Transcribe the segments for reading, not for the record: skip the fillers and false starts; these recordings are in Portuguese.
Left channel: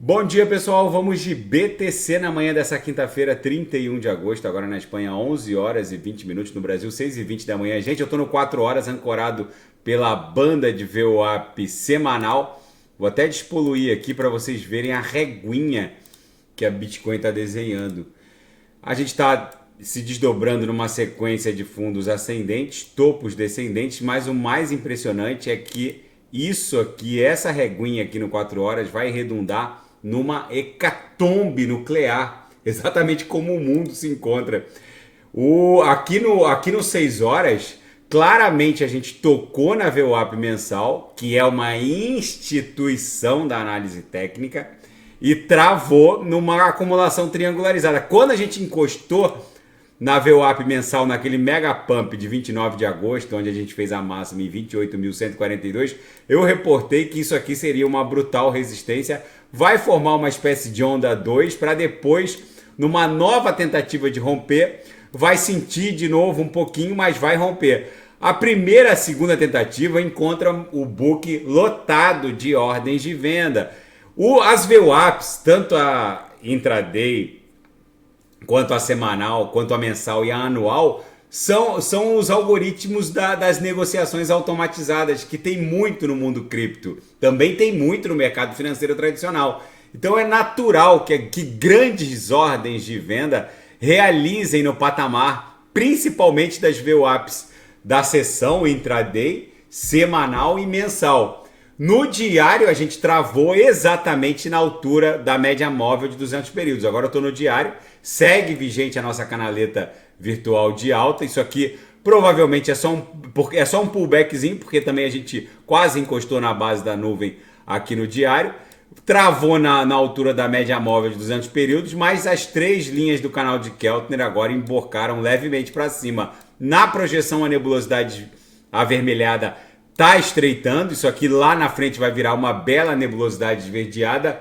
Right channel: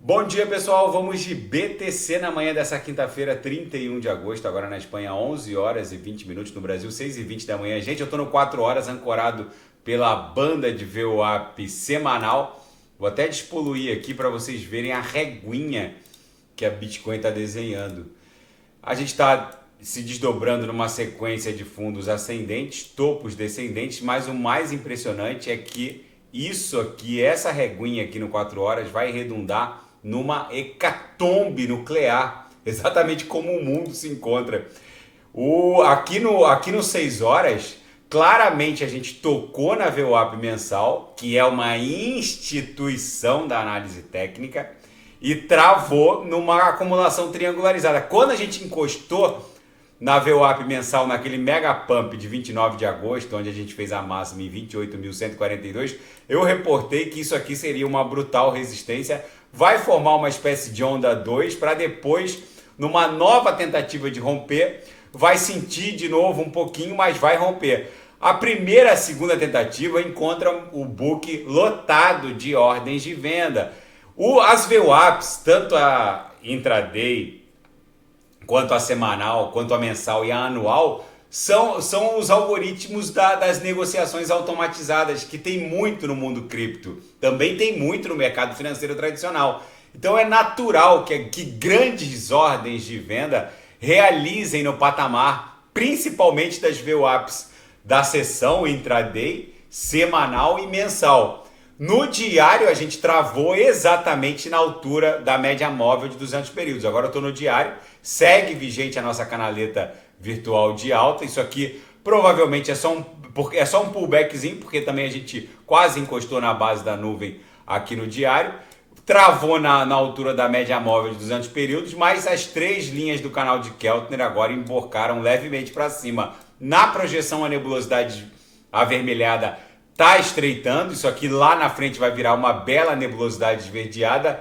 Bom dia, pessoal. Vamos de BTC na manhã dessa quinta-feira, 31 de agosto. Agora na Espanha, 11 horas e 20 minutos. No Brasil, 6 e 20 da manhã. Gente, eu tô no 4 horas ancorado pela banda de VWAP semanal. Vou até despoluir aqui para vocês verem a reguinha que a Bitcoin está desenhando. A gente está se desdobrando numa sequência de fundos ascendentes, topos descendentes, mas o mais impressionante é que isso aqui, essa reguinha aqui no 4 horas, vai redundar numa hecatombe nuclear, exatamente como o mundo se encontra. Aqui no 6 horas, claramente a gente tocou na VWAP mensal, que é uma instituição da análise técnica, e travou numa acumulação triangularizada. Quando a gente encostou na VWAP mensal, naquele mega pump de 29 de agosto, onde a gente fez a máxima em 28.142, eu reportei que isso aqui seria uma brutal resistência, vai formar uma espécie de onda 2 para depois, numa nova tentativa de romper, vai sentir de novo um pouquinho, mas vai romper. A primeira e a segunda tentativa encontram o book lotado de ordens de venda. As VWAPs, tanto a intraday, quanto a semanal, quanto a mensal e a anual, são os algoritmos das negociações automatizadas, que tem muito no mundo cripto. Também tem muito no mercado financeiro tradicional. Então é natural que grandes ordens de venda realizem no patamar, principalmente das VWAPs da sessão intraday, semanal e mensal. No diário a gente travou exatamente na altura da média móvel de 200 períodos. Agora eu estou no diário, segue vigente a nossa canaleta virtual de alta. Isso aqui provavelmente é só um pullbackzinho, porque também a gente quase encostou na base da nuvem aqui no diário. Travou na altura da média móvel de 200 períodos, mas as três linhas do canal de Keltner agora emborcaram levemente para cima. Na projeção, a nebulosidade avermelhada está estreitando. Isso aqui lá na frente vai virar uma bela nebulosidade esverdeada.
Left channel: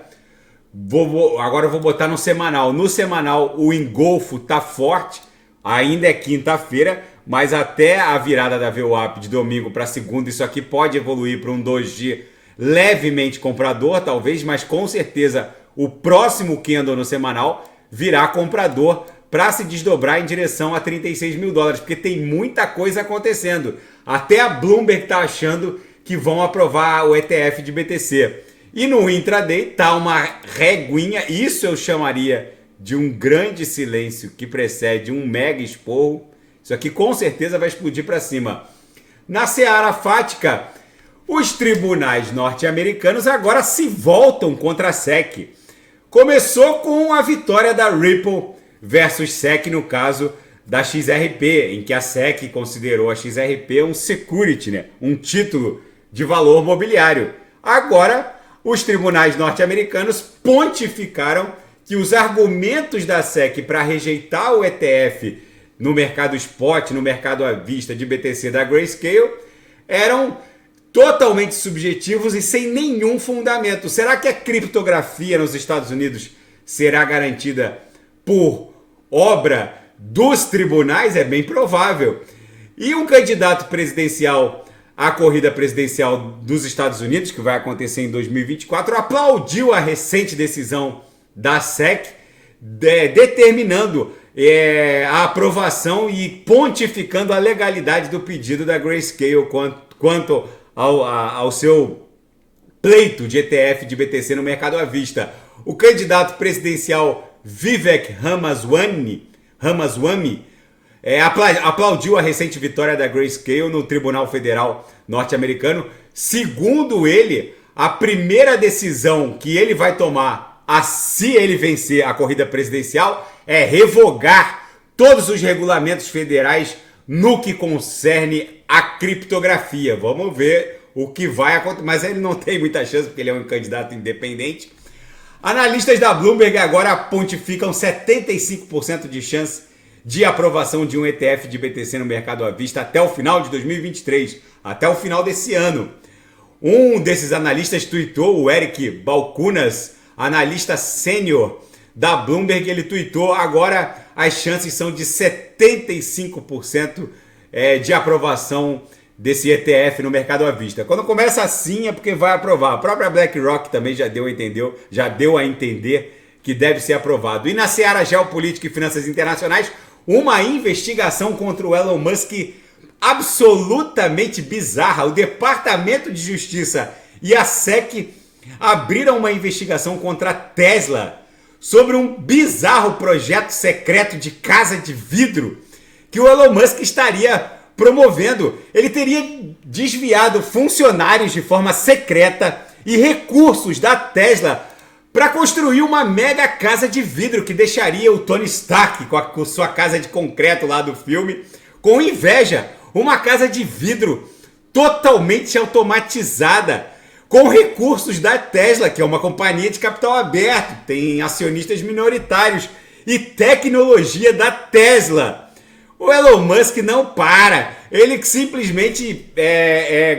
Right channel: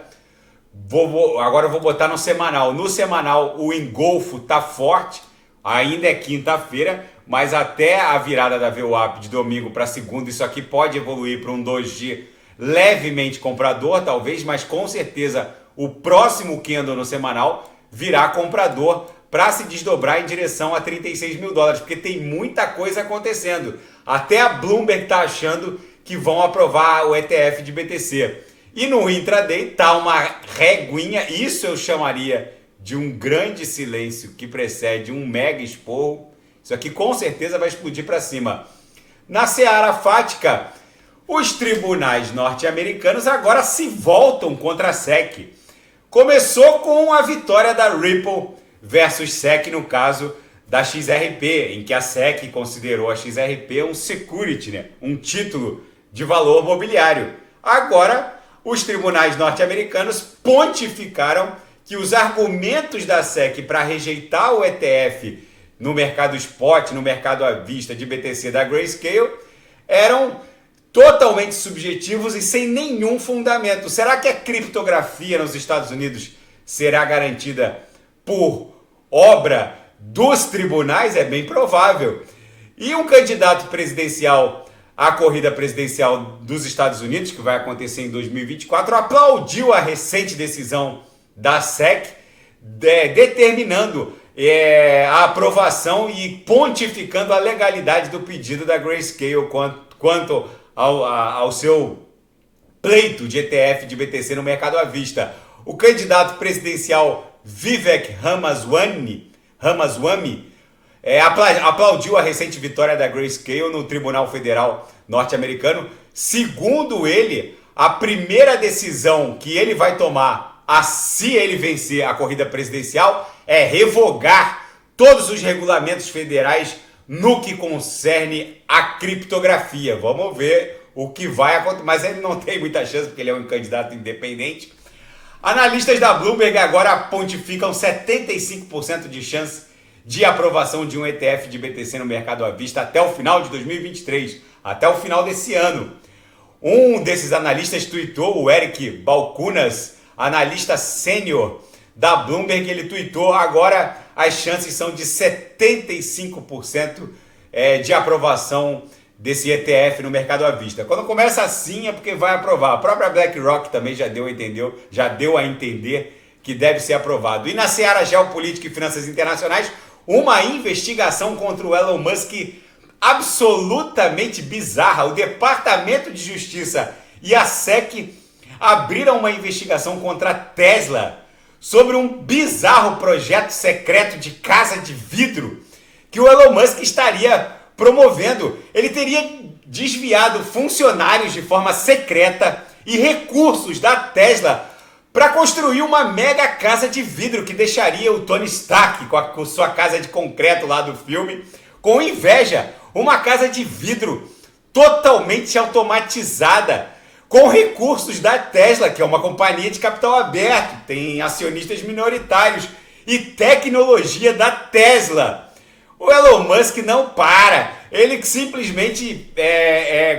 Agora eu vou botar no semanal. No semanal o engolfo está forte. Ainda é quinta-feira, mas até a virada da VWAP de domingo para segunda, isso aqui pode evoluir para um 2G levemente comprador, talvez, mas com certeza o próximo candle no semanal virá comprador para se desdobrar em direção a 36 mil dólares, porque tem muita coisa acontecendo. Até a Bloomberg está achando que vão aprovar o ETF de BTC. E no intraday está uma reguinha, isso eu chamaria de um grande silêncio que precede um mega esporro. Isso aqui com certeza vai explodir para cima. Na seara fática, os tribunais norte-americanos agora se voltam contra a SEC. Começou com a vitória da Ripple versus SEC no caso da XRP, em que a SEC considerou a XRP um security, né? Um título de valor mobiliário. Agora, os tribunais norte-americanos pontificaram que os argumentos da SEC para rejeitar o ETF no mercado spot, no mercado à vista de BTC da Grayscale, eram totalmente subjetivos e sem nenhum fundamento. Será que a criptografia nos Estados Unidos será garantida por obra dos tribunais? É bem provável. E um candidato presidencial à corrida presidencial dos Estados Unidos, que vai acontecer em 2024, aplaudiu a recente decisão da SEC, determinando a aprovação e pontificando a legalidade do pedido da Grayscale quanto ao seu pleito de ETF de BTC no mercado à vista. O candidato presidencial Vivek Ramaswamy aplaudiu a recente vitória da Grayscale no Tribunal Federal norte-americano. Segundo ele, a primeira decisão que ele vai tomar se ele vencer a corrida presidencial é revogar todos os regulamentos federais no que concerne a criptografia. Vamos ver o que vai acontecer, mas ele não tem muita chance porque ele é um candidato independente. Analistas da Bloomberg agora pontificam 75% de chance de aprovação de um ETF de BTC no mercado à vista até o final de 2023, até o final desse ano. Um desses analistas tweetou, o Eric Balchunas, analista sênior da Bloomberg, ele tweetou: agora as chances são de 75% de aprovação desse ETF no mercado à vista. Quando começa assim é porque vai aprovar. A própria BlackRock também já deu a entender que deve ser aprovado. E na seara geopolítica e finanças internacionais, uma investigação contra o Elon Musk absolutamente bizarra. O Departamento de Justiça e a SEC abriram uma investigação contra a Tesla sobre um bizarro projeto secreto de casa de vidro que o Elon Musk estaria promovendo. Ele teria desviado funcionários de forma secreta e recursos da Tesla para construir uma mega casa de vidro que deixaria o Tony Stark com sua casa de concreto lá do filme com inveja. Uma casa de vidro totalmente automatizada com recursos da Tesla, que é uma companhia de capital aberto, tem acionistas minoritários e tecnologia da Tesla. O Elon Musk não para, ele simplesmente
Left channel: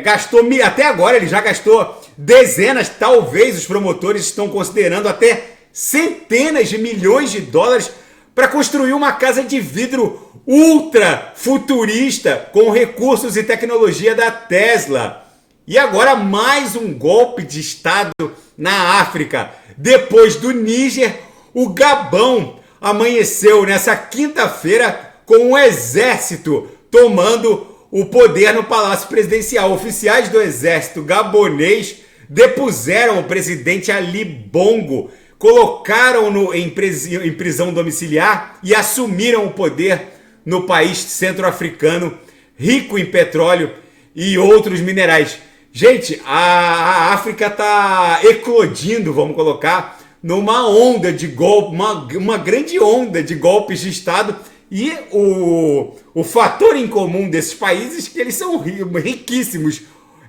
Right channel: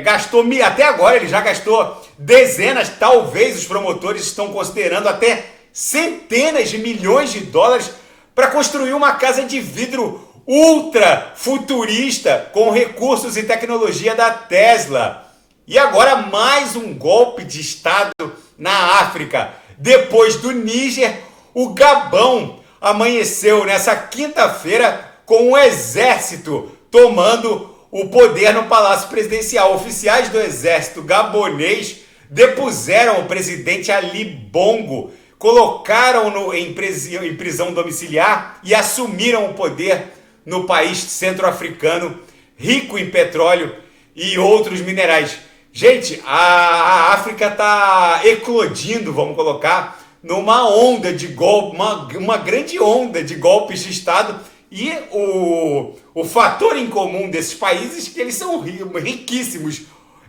gastou, até agora ele já gastou dezenas, talvez os promotores estão considerando até centenas de milhões de dólares para construir uma casa de vidro ultra futurista com recursos e tecnologia da Tesla. E agora mais um golpe de Estado na África. Depois do Níger, o Gabão amanheceu nessa quinta-feira com o exército tomando o poder no Palácio Presidencial. Oficiais do exército gabonês depuseram o presidente Ali Bongo, colocaram-no em prisão domiciliar e assumiram o poder no país centro-africano, rico em petróleo e outros minerais. Gente, a África está eclodindo, vamos colocar, numa onda de golpe, uma grande onda de golpes de Estado. E o fator em comum desses países é que eles são riquíssimos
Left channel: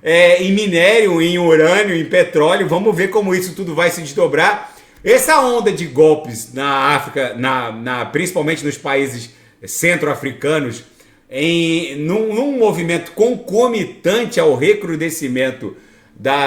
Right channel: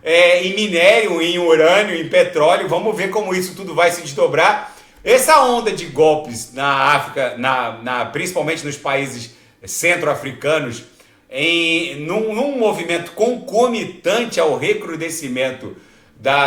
em minério, em urânio, em petróleo. Vamos ver como isso tudo vai se desdobrar. Essa onda de golpes na África, principalmente nos países centro-africanos, num movimento concomitante ao recrudescimento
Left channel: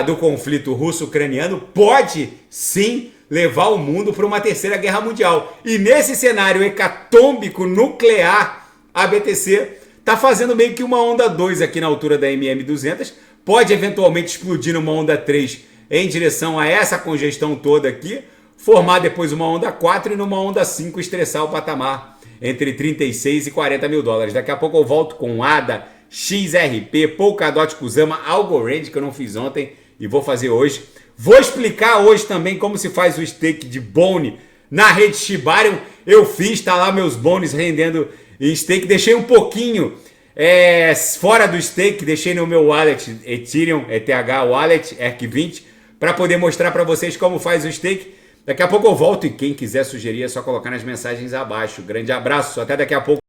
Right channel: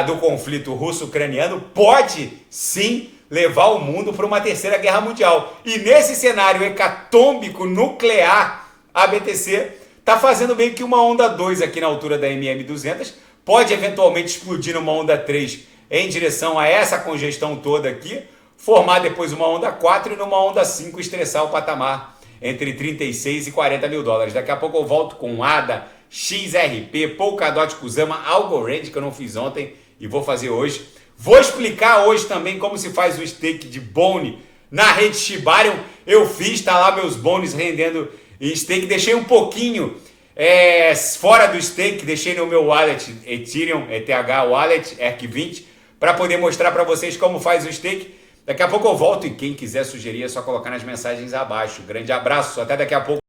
do conflito russo-ucraniano, pode sim levar o mundo para uma terceira guerra mundial. E nesse cenário hecatômbico nuclear, a BTC está fazendo meio que uma onda 2 aqui na altura da MM200, pode eventualmente explodir numa onda 3 em direção a essa congestão toda aqui, formar depois uma onda 4 e numa onda 5 estressar o patamar entre 36 e 40 mil dólares. Daqui a pouco eu volto com ADA, XRP, Polkadot, Kusama, Algorand, que eu não fiz ontem e vou fazer hoje. Vou explicar hoje também como se faz o stake de Bone na rede Shibarium. Eu fiz, tá lá meus bones rendendo em stake. Deixei um pouquinho fora do stake, deixei no meu wallet Ethereum, ETH Wallet, ERC20, para poder mostrar para vocês como faz o stake. Daqui a pouco eu volto e quem quiser sugerir é só colocar nas mensagens abaixo. Grande abraço, até daqui a pouco.